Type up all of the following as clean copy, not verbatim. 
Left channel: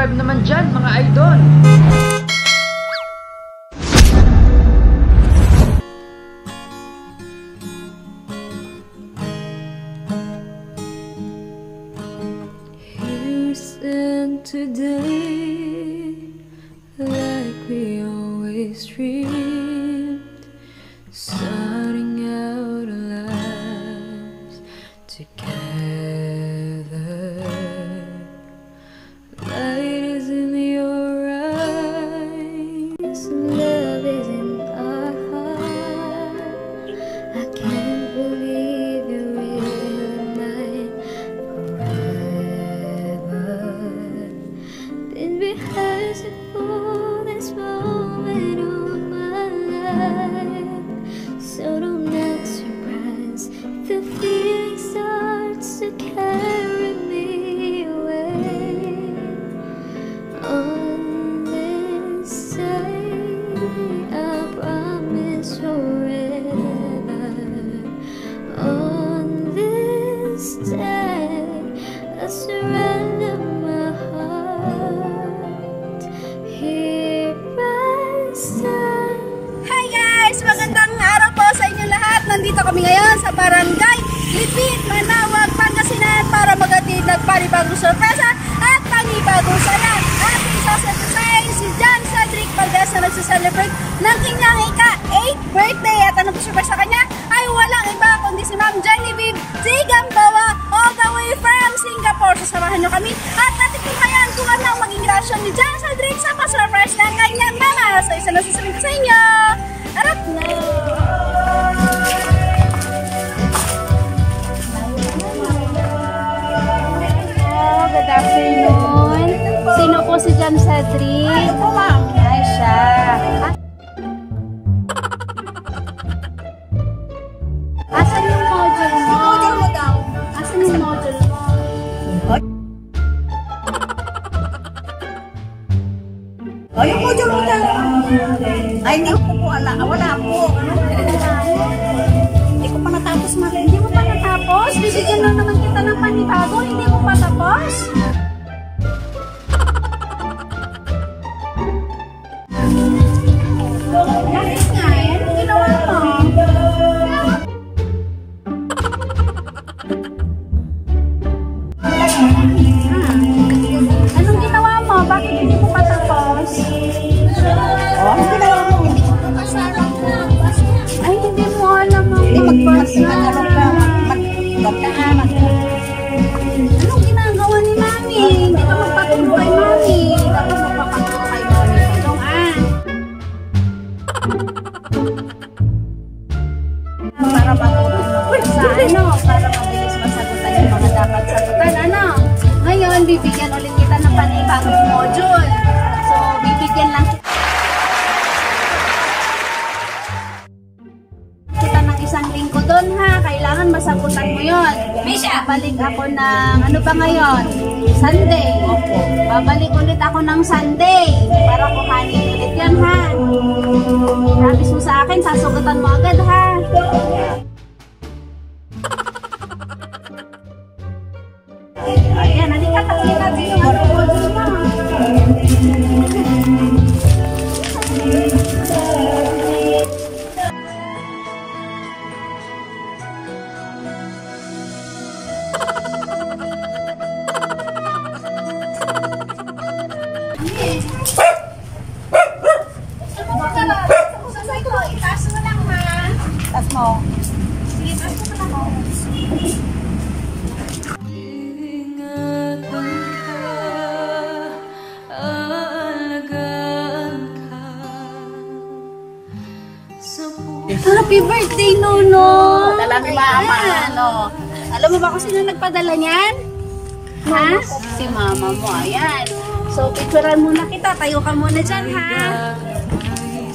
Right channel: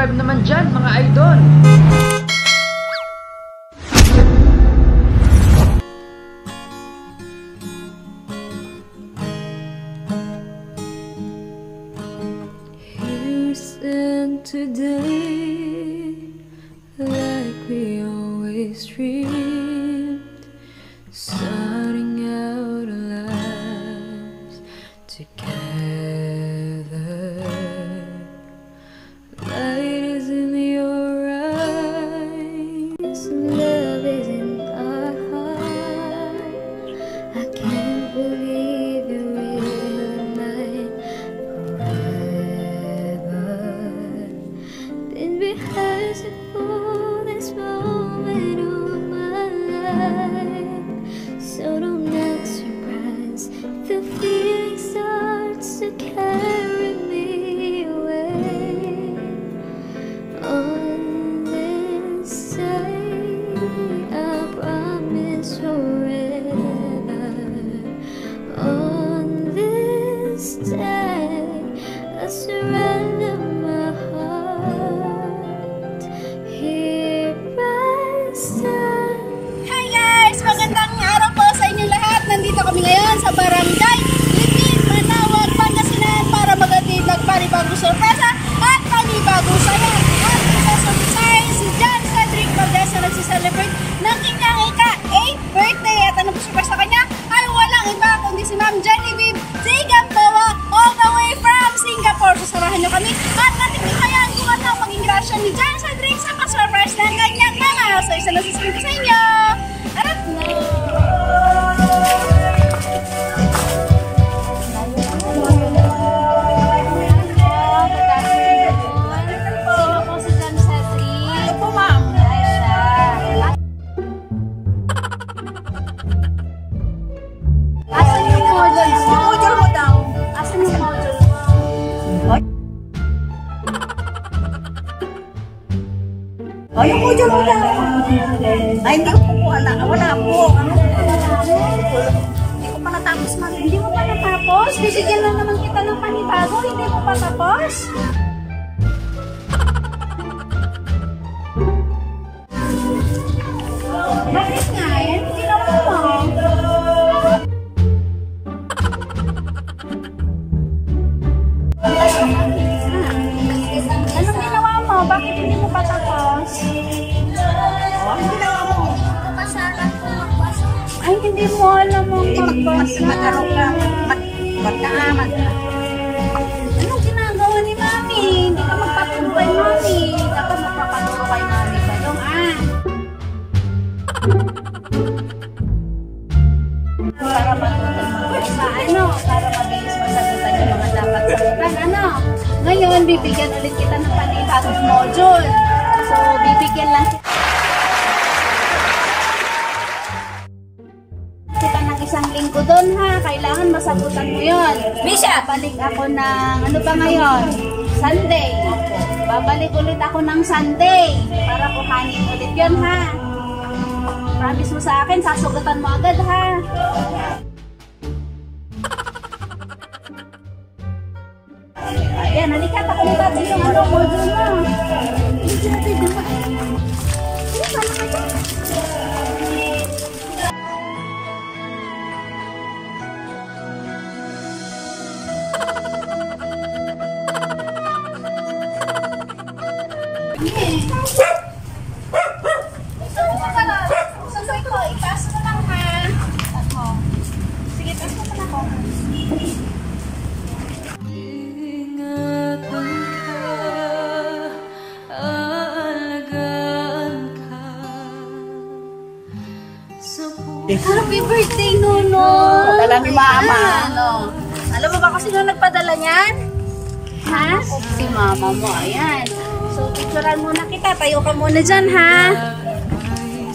subscribe naman dyan, mga idol. Here's and today, like we always dreamed, starting out our lives together. Light is in your eyes, love is in our heart. I can't believe you're really mine forever. Been rehearsing for this moment all my life, so don't act surprised if the feeling starts to carry me away. On this day, I promise forever. On this day, I surrender my heart. Here I stand. Hi guys! Magandang araw po sa inyo lahat. Nandito kami ngayon sa Barangay Lipit, Manawag, Pangasinan para magatid ng panibagong sorpresa at panibagong saya. At isa sa design, si John Cedric Valdez na nagsiselebrate ng kanyang ika-8th birthday. At ano po surprise sa kanya ay walang iba kundi si Ma'am Genevieve Zigambawa all the way from Singapore. Sasamahan nyo kami at natikikayan kung ano ang maging reaction ni John Cedric sa pa-surprise ng kanyang mama. So isa na sasabihin ko sa inyo. Arap na! Sino po si John Cedric? Ano po, ma'am? Ay, siya. Asan yung module? Yung module mo daw. Asan yung module mo? Oh, yung module mo daw. Ay, hindi ko po wala po. Hindi ko pa natapos, ma'am. Hindi mo pa natapos? Bibigyan lang naman kita ng panibago. Hindi mo pa tapos? Bakit nga? Anong ginawa mo? Anong ginawa mo? Bakit hindi mo pa tapos? Oh, anong ginawa mo? Kasalan ko magbasa. Ay, hindi mo alam ang magbasa. Magdaanan. Anong ginagawa ni Mami? Hindi ka magpaturo kay Mami. Dapat magpapaturo kay Mami. Badong para matulog magbasa, para mabilis masagutan yung mga dapat sagutan, Ngayon, bibigyan ulit kita ng panibagong module. So, bibigyan lang kita ng isang linggo doon, ha? Kailangan masagutan mo yon. Babalik ako ng, ano ba ngayon? Sunday. Opo. Babalik ulit ako ng Sunday para kuhanin ulit yon, ha? Promise mo sa akin, sasugatan mo agad, ha? Ayan, halika, pakita yung module mo. Itaas mo lang, ma. Itaas mo. Sige, itaas mo pala mo. Ingatan ka, aalagaan ka sa puso. Happy birthday, Nuno! Padala ni Mama. Alam mo ba kasi na nagpadala niyan? Ha? Si Mama mo, ayan. So, picturean muna kita. Tayo ka muna dyan, ha?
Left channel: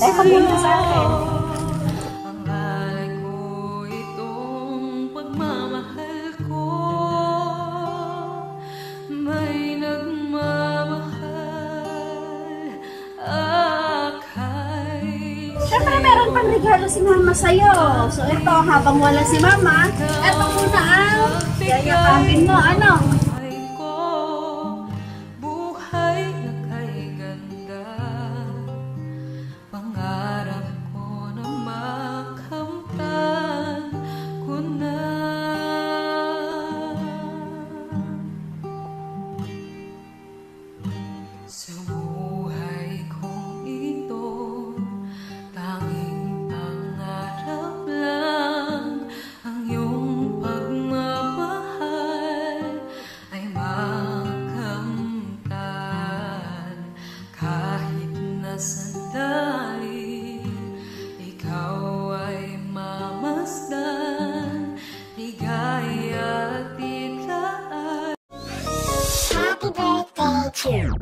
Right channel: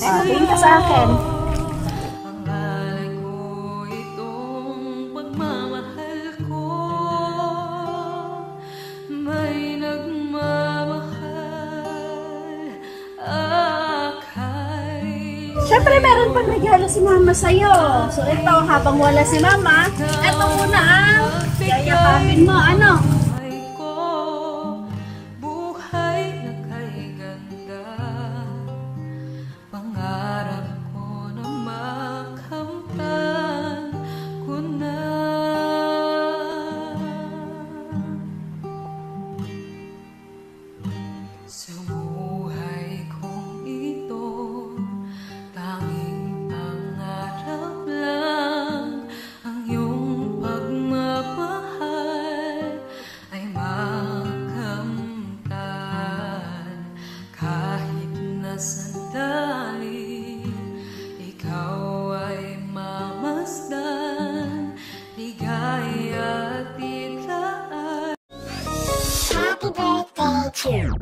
Tayo ka muna sa akin. Ang alay ko, itong pagmamahal ko, may nagmamahal akay. Siyempre, meron pang regalo si Mama sa'yo. So, ito, habang wala si Mama, ito muna ang yayakapin mo. Ano? Buhay Pangarap ko na makamtan ko na. Sa buhay kong ito, tanging pangarap lang ang iyong pagmamahal ay makamtan. Kahit na sandali, ikaw ay mamasdan, ligaya at titlaan. Happy birthday to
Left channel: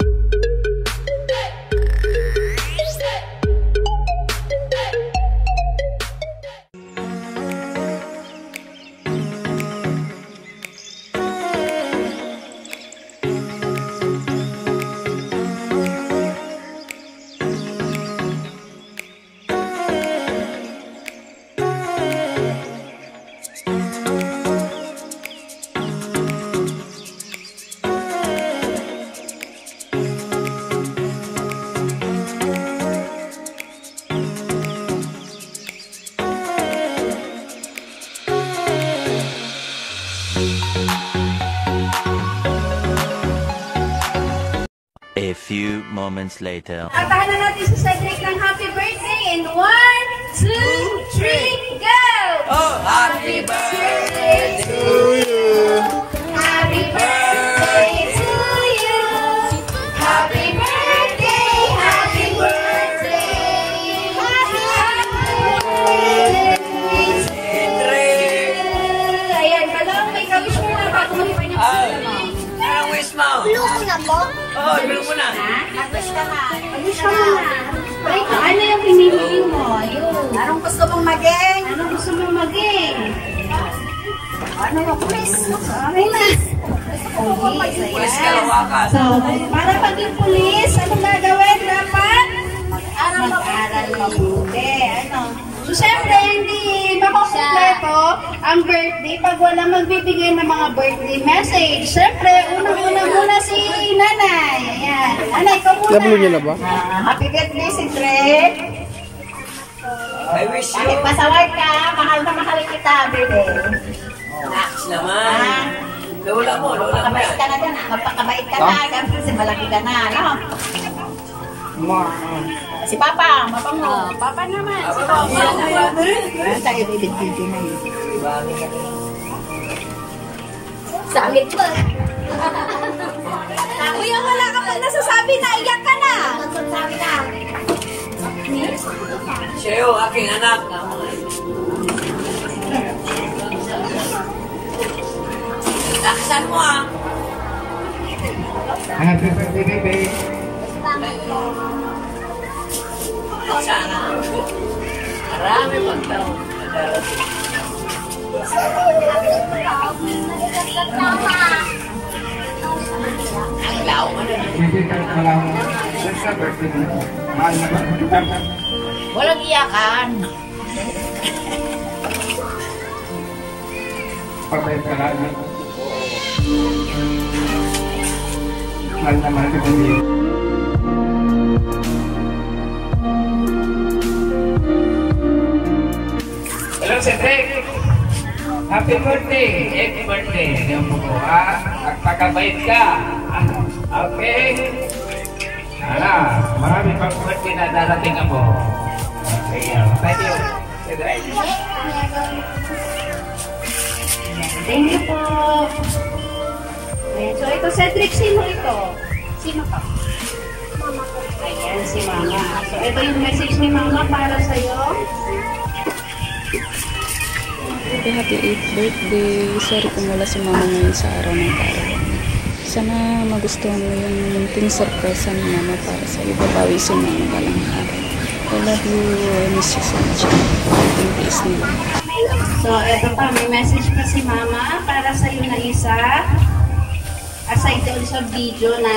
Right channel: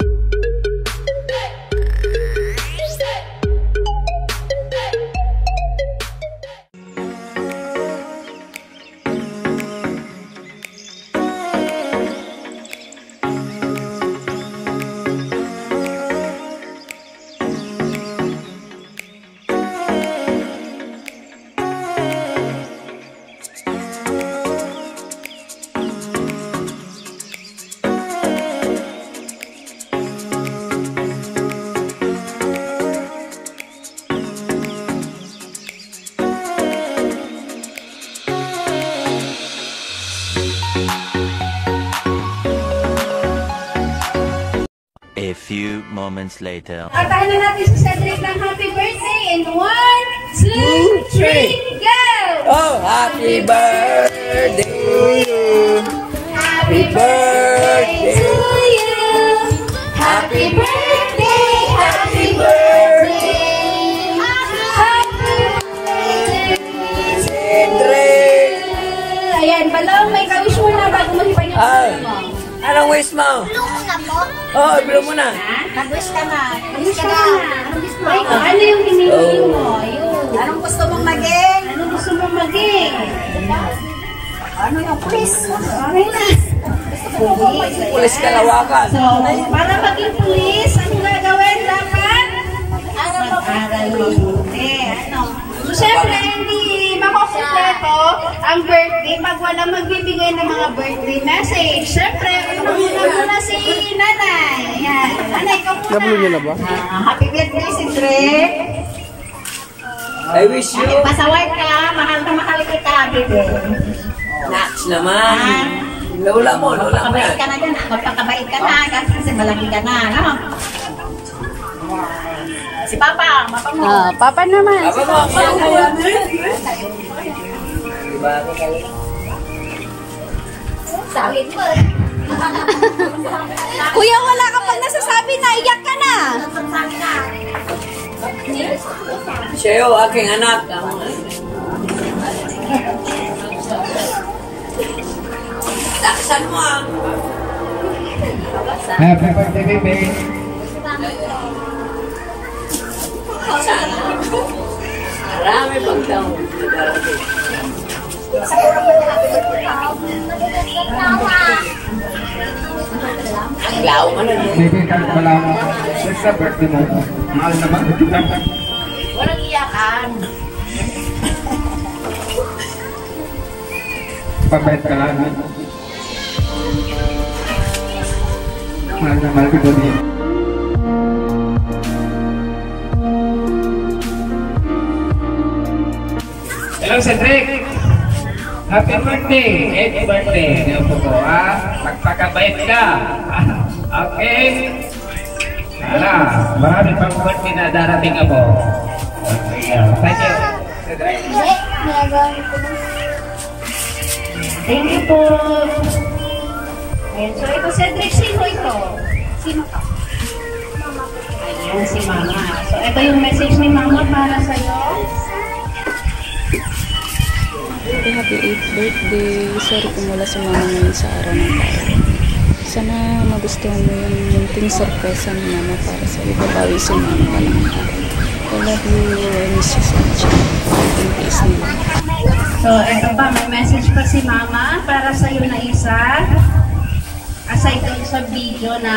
A few moments later. Kantahan na natin si Cedric ng happy birthday in 1, 2, 3, go! Oh, happy birthday to you. Happy birthday to you. Happy birthday, happy birthday. Happy Cedric. Ayan, balong may kawish mo na bago magpahinga sa mo. Anong wish mo? Blue ko na po. Oh, blow mo na. Nag-wish ka na. Kawish ka na. Ay, ano yung pinili mo? Ayun. Anong gusto mong maging? Ano gusto mo maging? Ano yung pulis? Okay na. Pulis Kalawakan. So, para maging pulis, anong gagawin dapat? Aral mo. Mag-aral mabuti. Ano? So, syempre, hindi makukumpleto ang birthday pag wala magbibigay ng mga birthday message. Syempre, una muna si nanay. Ayan. Nanay, ikaw muna. Nablo niyo na ba? Happy birthday, Cedric. I wish you. Pasaway ka. Mahal na mahal kita, baby. Naks naman. Lola mo, lola mo. Magpakabait ka na dyan. Magpakabait ka na. Kasi malaki ka na, no? Si Papa, Papa mo. Papa naman. Apa mo? Sabi mo. Kuya, wala ka pag nasasabi na iyak ka na. Nagsasabi ka. Siya yung aking anak. Taksan mo ah. Happy birthday, baby. Sana. Marami pagdaw. Madarating. Yaw ka na. Baby, kalkala mo. Basta birthday mo. Mahal naman. Walang iyakan. Pabait ka lang. Mahal naman kita din. Hello, Cedric! Happy birthday! 8th birthday! Niyo po ko, ha? Magpakabait ka! Okay? Hala, marami pang birthday na darating ako. Thank you, Cedric. Thank you po. Ayan, so ito, Cedric, sino ito? Sino ka? Mama ko. Ayan, si Mama. So ito yung message ni Mama para sa'yo. Happy 8th birthday. Sorry kung wala si Mama ngayon sa araw ng karawan. Sana magustuhan mo yung munting sorpresa ni Mama para sa iyo. Babawi si Mama ka lang ng araw. I love you. I miss you so much. Konting tiis nila. So ito pa, may message pa si Mama para sa'yo na isa. Aside doon sa video na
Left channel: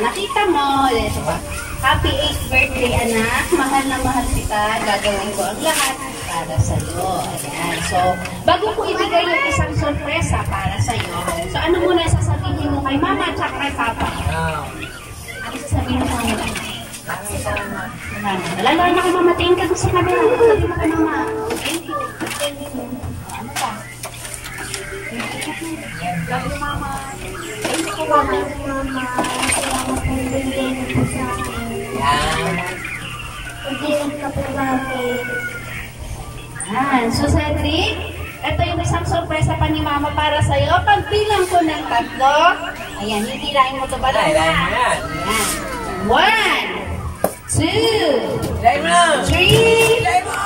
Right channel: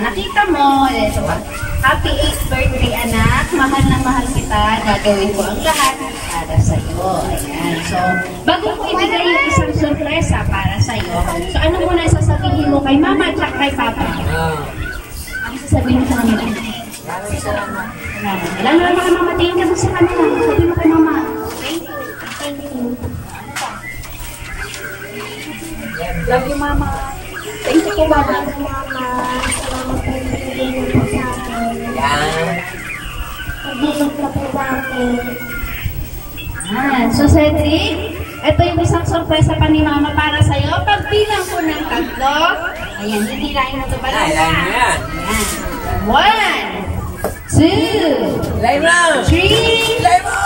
nakita mo, ito pa. Happy 8th birthday, anak. Mahal na mahal kita. Gagawin ko ang lahat para sa iyo. Ayan. So, bago ko ibigay yung isang sorpresa para sa iyo, so ano muna sasabihin mo kay Mama at kay Papa? Ano sasabihin mo sa kanila? Wala na naman ka mamatingin ka sa kanila. Sabi mo kay mama. Thank you. Thank you. Ano pa? Love you, mama. Thank you, mama. Mama. Salamat po yung po sa akin. Pag-ilong ka po natin. So Cedric, ito yung isang sorpresa pa ni mama para sa'yo. Pagbilang ko ng 3. Ayan, hindi lain mo ito ba lang? Ayan. 1, 2, 3, go!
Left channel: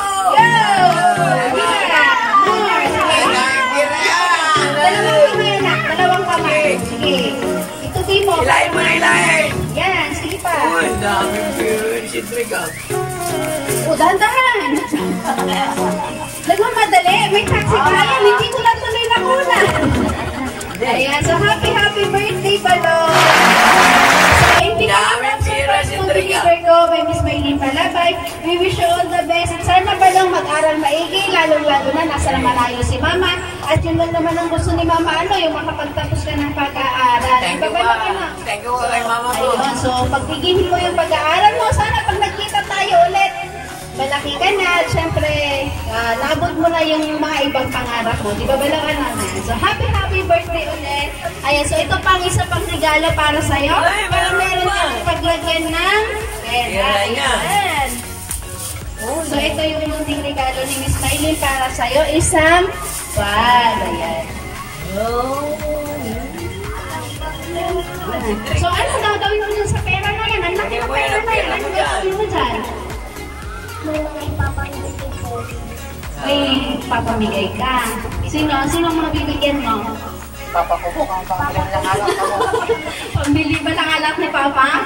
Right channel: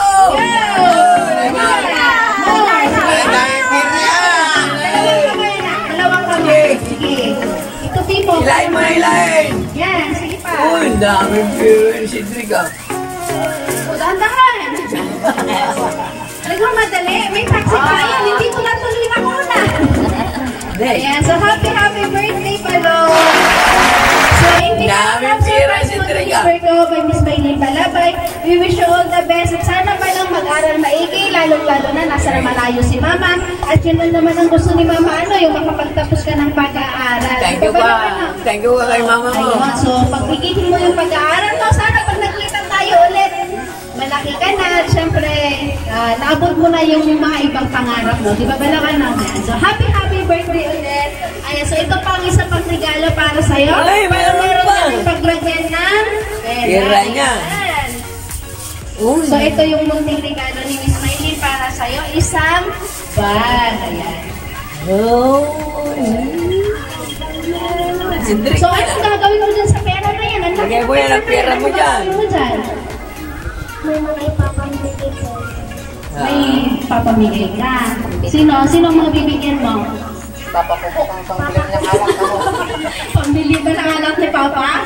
Dalawang kamay. Sige. Itutin mo. Ilayin mo na ilayin. Yan, sige pa. Ang daming viewer si Cedric. O, dahan-dahan. Nagmamadali. May taxi pa yan. Hindi ko na tuloy na kuna. Ayan, so happy birthday, Balong. So, hindi by Miss Maylin Palabay. We wish you all the best. At sana Balong mag-aral maigi, lalong-lalo na nasa malayo si Mama. At yun lang naman ang gusto ni Mama, yung makapagtapos ka ng pag-aaral. Thank you ba? Thank you kay Mama mo. Ayun, so pagbigyan mo yung pag-aaral mo, sana pag nagkita tayo ulit, malaki ka na, at syempre, naabot mo na yung mga ibang pangarap mo. Di ba Balong naman? So, happy birthday ulit. Ayan, so ito pang isa pang regalo para sa'yo. Ay, meron pa. Paglagyan ng pera niya. So, ito yung munting regalo ni Miss Maylin para sa'yo. Isang bag. Ayan. So, anong gagawin mo dyan sa pera na yan? Lagyan mo yan ang pera mo dyan. May mga ipapamigay ko. May papamigay ka. Sino ang mga bibigyan mo? Papa ko po, ang pambili ng alak ko. Pambili ba ng alak ni Papa?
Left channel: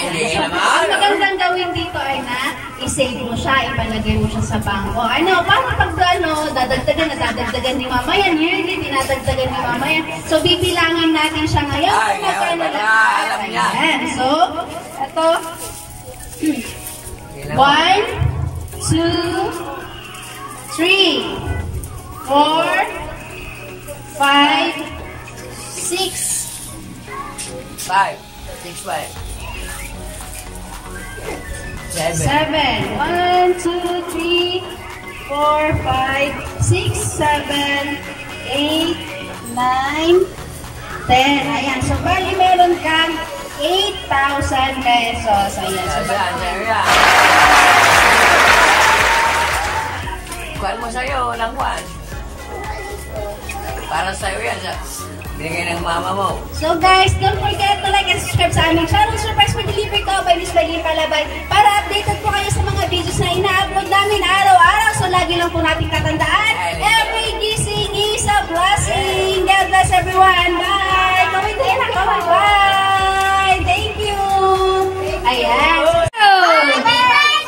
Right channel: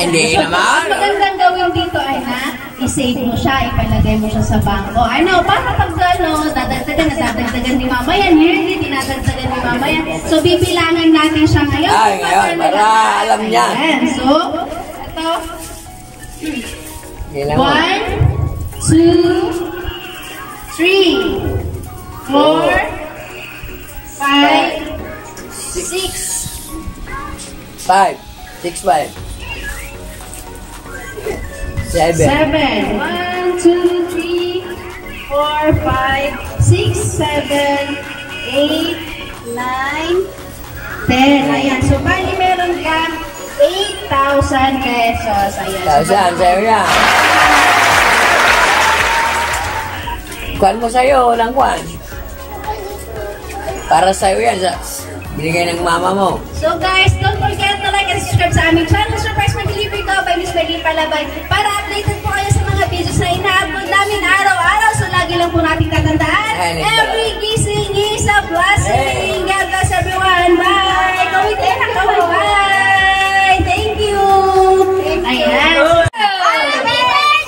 Hindi naman. Ang magandang gawin dito ay i-save mo siya, ipalagay mo siya sa bangko. Para pag dadagdagan ni Mama yan. Yearly, dinadagdagan ni Mama yan. So, bibilangin natin siya ngayon. Para alam niya. So, ito. 1, 2, 3, 4, 5, 6, 5, 6, 5. 7. 1, 2, 3, 4, 5, 6, 7, 8, 9, 10. Ayan. So, bali meron kang 8,000 pesos. Ayan. Sa'yo yan. Kuhan mo sa'yo, walang kuhan. Para sa'yo yan. Binigay ng mama mo. So guys, don't forget to like and subscribe sa aming channel. Surprise for delivery ko by Miss Maylin Palabay. Para updated po kayo sa mga videos na ina-upload namin araw-araw. So lagi lang po natin tatandaan. Every gising is a blessing. God bless everyone. Bye! Kawin din na kawin. Bye! Thank you! Ayan. Happy birthday!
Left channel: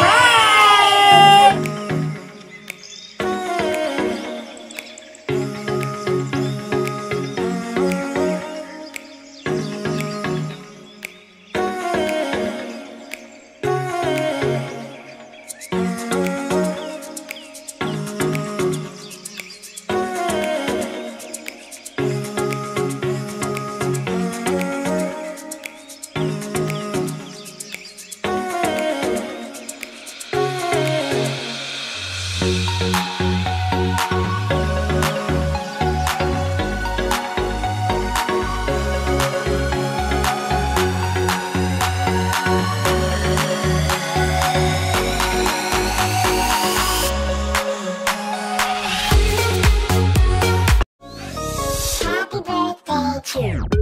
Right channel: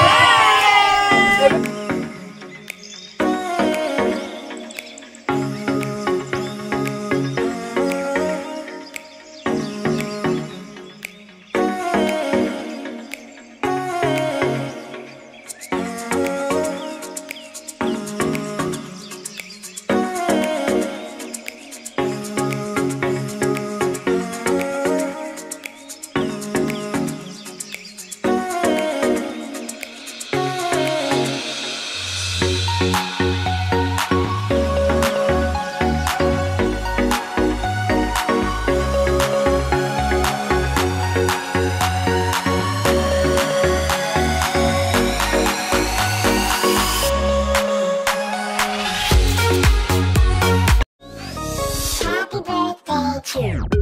Bye! Happy birthday to you.